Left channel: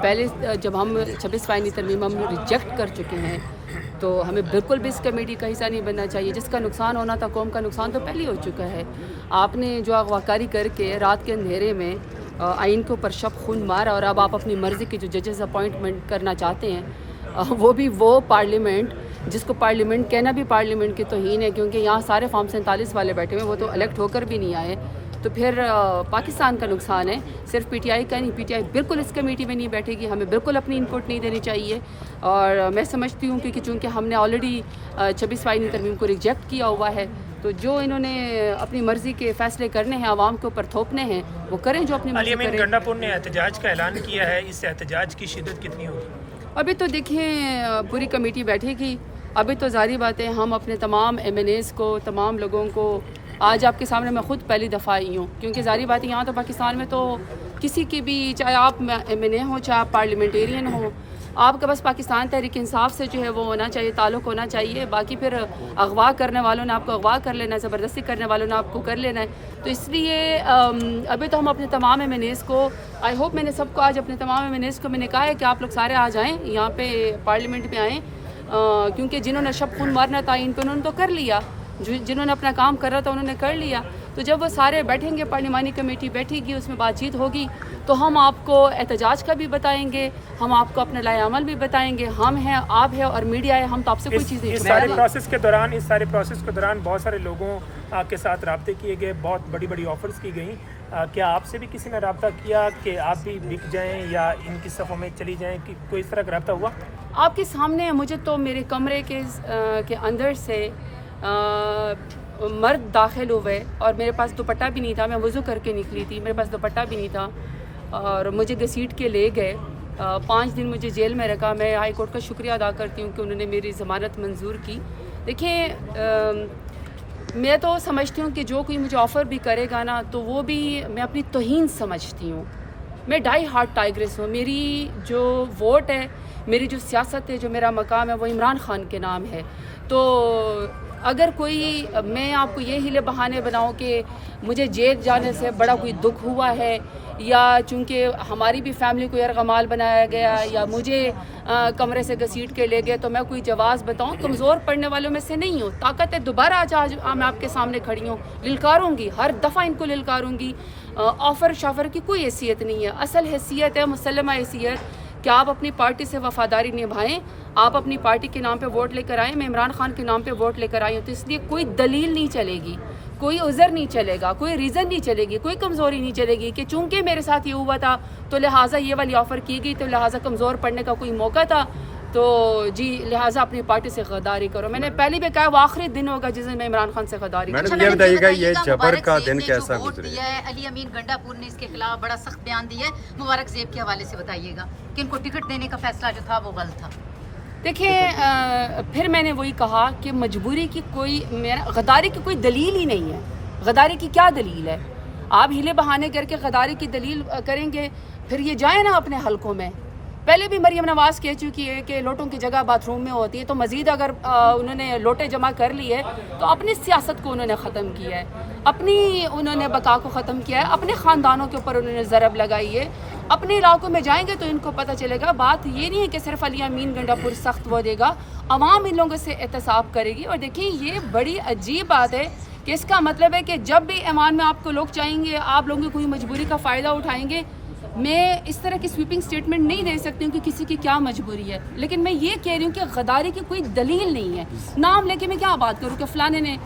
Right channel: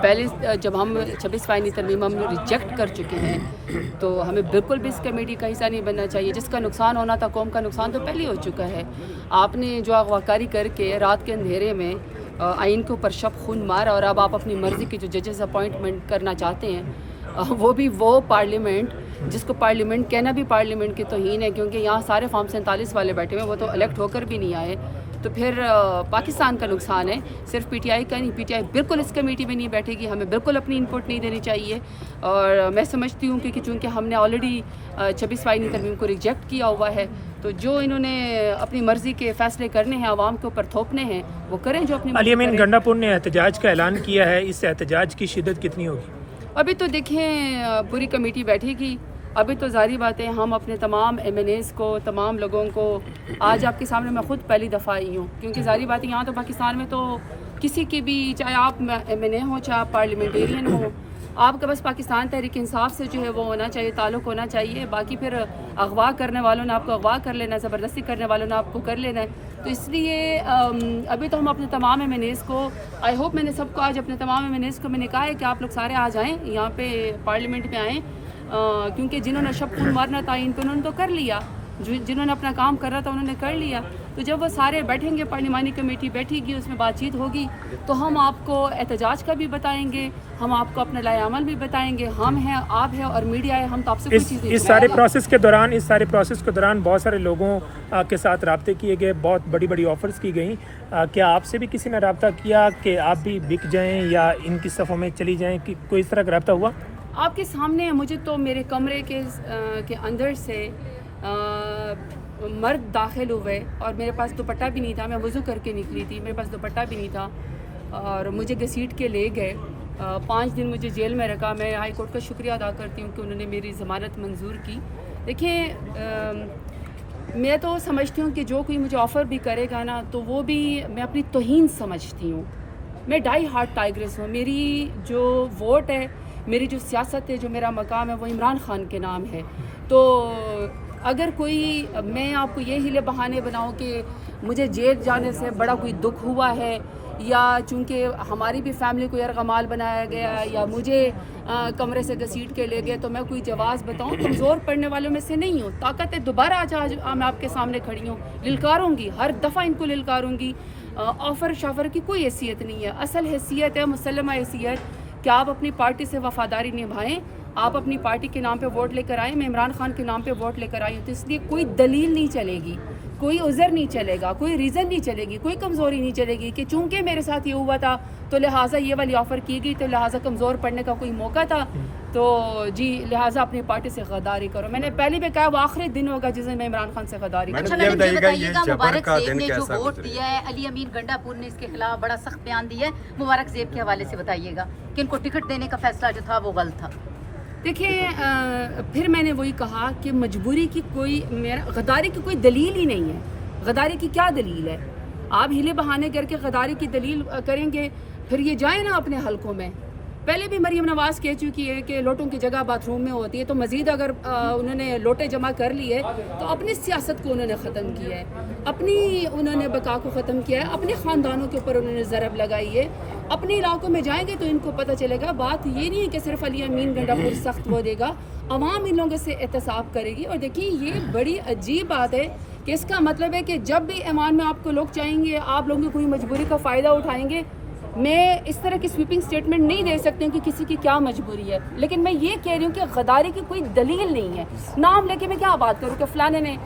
پہلے جب ہم 26 ترمیم ہم ریجیکٹ کر چکے ہیں تو ہمیں بالکل بھی اس کمیٹی کا حصہ نہیں بننا چاہیے. جس کا نقصان ہونا تھا قوم کا نقصان تو پہلے ہو چکا ہے. آپ نے جو اغواکاری کر کے رات کے اندھیرے میں آئین کے اوپر شب خون مارا اور اب آپ اپنی مرضی کی جو ججز اپوائنٹمنٹ کرنا چاہتے ہیں وہ بھی وہ پارلیمنٹ جس کو پارلیمنٹ کہنا بھی پارلیمنٹ کی توہین ہے, کیونکہ یہاں سارے فارم 47 والے بیٹھے ہوئے, وہ تو الیکٹ ہو کر بھی نہیں آئے. تو پھر پاکستان کا نقصان ہے, صرف پی ٹی آئی کا نہیں. پی ٹی آئی بالکل اس کمیٹی میں نہیں بیٹھے گی, ہمیں بالکل اپنی انپٹ نہیں دینی چاہیے. اور میں سمجھتی ہوں کہ چونکہ ہم نے آلریڈی 26 ترمیم کو ریجیکٹ کیا ہوا ہے, تو جو انہوں نے اپنی مرضی کے فیصلے کرنے ہیں عوام کے اوپر تھوپنے ہیں وہ کریں, جو اپنی مرضی کریں. علی امین گنڈا پور نے احتجاج کا اعلان کیا ہے, اس احتجاج کی شدت کتنی ہوگی؟ ابھی تو دیکھیں پوری کمیٹی بیٹھے گی. ابھی تو ظاہری بات ہے ہم اپنے تمام ایم این ایز کو, تمام لوگوں کو, آج آپ کے سامنے میں خود پہلی دفعہ آئی ہوں, کیونکہ ظاہری بات ہے یہاں تو پاکستان میں تو کسی کی بھی, چاہے آپ ایم این اے ہوں چاہے آپ پارلیمنٹیرین ہوں, آپ کا بس پاکستان تحریک انصاف سے جو ہے وہ ہونا چاہیے, تعلق ہونا چاہیے. باقی پھر اغوا کرنے والوں نے آپ کو اغوا کر لینا ہے, زبردستی کرنے والوں نے آپ کو کر لینا ہے. تو اس لیے ابھی تو ہم اپنے تمام ایم این ایز کو, آئی ہوپ میں نے سب کو آج اپنے تمام ایم این ایز کو میں نے کہا ہے کہ آپ لوگ سارے آ جائیں یہاں پہ پارلیمنٹ میں آئیں, کیونکہ جنہوں نے شب خون مارنا تھا ان پہ انہوں نے تو کر لیا, جنہوں نے اپنا کام کر رہا تھا انہوں نے کر لیا. تو جب وہ سارے بیٹھیں گے, پارلیمانی کمیٹی بیٹھے گی, اس میں بات چیت ہوگی, تو ہم آپ کو احتجاج کا بھی بتائیں گے, ہم آپ کو اپنا لائحہ عمل بھی بتائیں گے. ہم ہیں, آپ ہیں اور میڈیا ہے, ہم تو آپ سے کوئی چیز نہیں اس سارے پروسیس کے دوران بہت سارے لوگوں کے ساتھ رابطے کیے گئے, بہت بڑی بڑی آفرز کی گئیں. کیا آپ سے بھی کسی نے رابطہ کیا کہ آپ بھی بک جائیں یا ان کی صفوں میں چلی جائیں, کہ کوئی اس طرح کا رابطہ ہوا؟ آپ کے سامنے مجھے تو میرے کمرے کے اندر سے مرد داخل ہوئے اور میرے پاس دوپٹہ بھی نہیں تھا, میں وضو کر کے نکلی تھی, میرے پاس دوپٹہ بھی نہیں تھا, اور مجھے گھسیٹ کے لے گئے. 5 دن مجھے جیل میں رکھا. میں ہائی کورٹ کا شکریہ ادا کرتی ہوں کہ انہوں نے میری ضمانت منظور کی. دیکھیں میں تو سمجھتی ہوں کہ جو کوئی مجھے آفر بھی کرے گا نا, تو وہ بھی میں اپنی توہین سمجھتی ہوں. میں ڈائی ہارٹ ٹائگرس ہوں. میری جو ووٹ ہے, میری جو سیاست ہے, جو میرا مقام ہے, وہ عمران خان کے نام ہے. تو اگر کوئی, میں آپ کو یہ ہیلے بہانے بناؤں کہ مجھے جیل جانے سے بڑا کوئی دکھ ہوا ہے, یا چونکہ ہماری بھی فیملی کو یرغمال بنایا گیا, یا مجھے کمرے سے گھسیٹ کے لے گئے, تو میں کوئی جواز بتاؤں؟ کمزور پڑنے والوں میں سے نہیں ہوں. طاقت ہے دوبارہ آج میں آپ کے سامنے کھڑی ہوں, للکاروں گی, ہر دفعہ ان کو للکاروں گی. آفر شافر کی کوئی حیثیت نہیں ہے. اصل حیثیت ہے مسلمہ حیثیت کہ آپ اپنی پارٹی سے وفاداری نبھائیں, آپ اپنی پارٹی کے نام پہ ووٹ لے کر آئیں. میں عمران خان کے نام پہ ووٹ لے کر آئی ہوں, تو اس لیے کوئی دلیل نہیں چلے گی, کوئی عذر نہیں چلے گا, کوئی ریزن نہیں چلے گی, کوئی کمزوری نہیں چلے گی کہ چونکہ میرے ساتھ یہ ہوا تھا تو لہٰذا یہ والی آفر کی گئی, تو لہٰذا کمزور پڑنے کا کوئی موقع تھا, تو جی لہٰذا اپنی پارٹی سے غداری کرو. میں نے پہلے بھی کہا وہ آخری دن ہوگا جس دن میں عمران خان سے غداری کروں. یہ بتائیے گا یہ جبر کا دن جو کیسا ووٹ گزرے؟ دیا ہے علی امین گنڈا پور نے اس کے خلاف بڑا سخت بیان دیا ہے. مبارک زیب کے حوالے سے بتائیے گا کہ ان کو ٹکٹ دینے کا فیصلہ جو تھا وہ غلط تھا. دیکھیں پھر میں نے وہی کہا کہ مجبوری کی کوئی, غداری کی کوئی دلیل ہی نہیں ہے. غداری کی کیا دلیل ہے؟ آپ ہیلے بہانے کر کے غداری کی دلیل کریں گے, پھر یہ جائیں نا اپنے حلقوں میں. پہلے بھی مریم نواز کہہ چکی ہے کہ لوٹوں کی جگہ باتھ روم میں ہوتی ہے, تو مزید اگر انہوں نے لوٹے جمع کر لیے تو اپنی سیاست کو انہوں نے ختم کیا ہے, اپنی انہوں نے بقا کو ختم کیا ہے, اپنے خاندانوں کے اوپر انہوں نے ضرب لگائی ہے. اپنے علاقوں میں جائیں گے تو ان کو پتہ چلے گا. بات یہ نہیں ہے کہ صرف علی امین گنڈا پور سخت وہ دے گا, عوام ان لوگوں سے احتساب کرے گی. اور دیکھیں یہ بڑی عجیب بات ہے کہ اس کا مطلب ہے کہ جب بھی ایوان میں آپ کو لوگ چاہیں گے, آپ لوگوں کی کوئی مجبوری کا فائدہ اٹھائیں گے. میں اس طرح کی سویپنگ سٹیٹمنٹ نہیں دے سکتی ہوں کہ کسی کی کیا مجبوری ہے, لیکن میں یہ کہہ رہی ہوں کہ غداری کی کوئی دلیل نہیں ہے. نام لے کے میں کیا بات کروں کہ فلانے نے,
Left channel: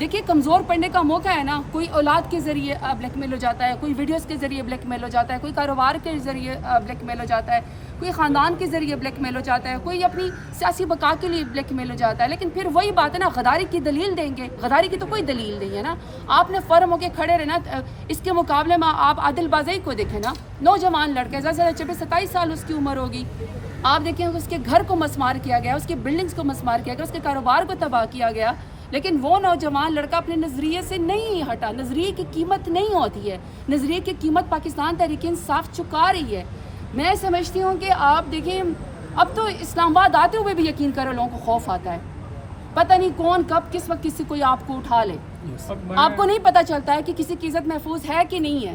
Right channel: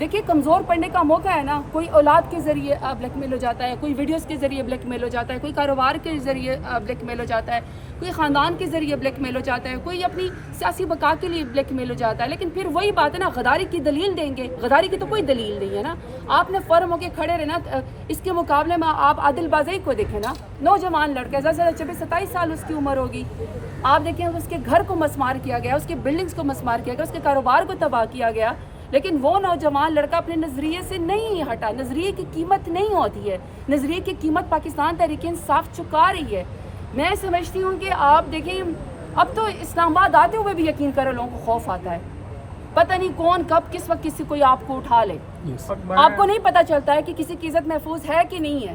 دیکھیے کمزور پڑنے کا موقع ہے نا. کوئی اولاد کے ذریعے بلیک میل ہو جاتا ہے, کوئی ویڈیوز کے ذریعے بلیک میل ہو جاتا ہے, کوئی کاروبار کے ذریعے بلیک میل ہو جاتا ہے, کوئی خاندان کے ذریعے بلیک میل ہو جاتا ہے, کوئی اپنی سیاسی بقا کے لیے بلیک میل ہو جاتا ہے. لیکن پھر وہی بات ہے نا, غداری کی دلیل دیں گے, غداری کی تو کوئی دلیل نہیں ہے نا. آپ نے فرم ہو کے کھڑے رہنا. اس کے مقابلے میں آپ عادل بازئی کو دیکھیں نا, نوجوان لڑکا, زیادہ سے 26-27 سال اس کی عمر ہوگی. آپ دیکھیں اس کے گھر کو مسمار کیا گیا, اس کے بلڈنگز کو مسمار کیا گیا, اس کے کاروبار کو تباہ کیا گیا, لیکن وہ نوجوان لڑکا اپنے نظریے سے نہیں ہٹا. نظریے کی قیمت نہیں ہوتی ہے, نظریے کی قیمت پاکستان تحریک انصاف چکا رہی ہے. میں سمجھتی ہوں کہ آپ دیکھیں, اب تو اسلام آباد آتے ہوئے بھی یقین کرو لوگوں کو خوف آتا ہے. پتہ نہیں کون کب کس وقت کسی کوئی آپ کو اٹھا لے. آپ کو نہیں پتہ چلتا ہے کہ کسی کی عزت محفوظ ہے کہ نہیں ہے.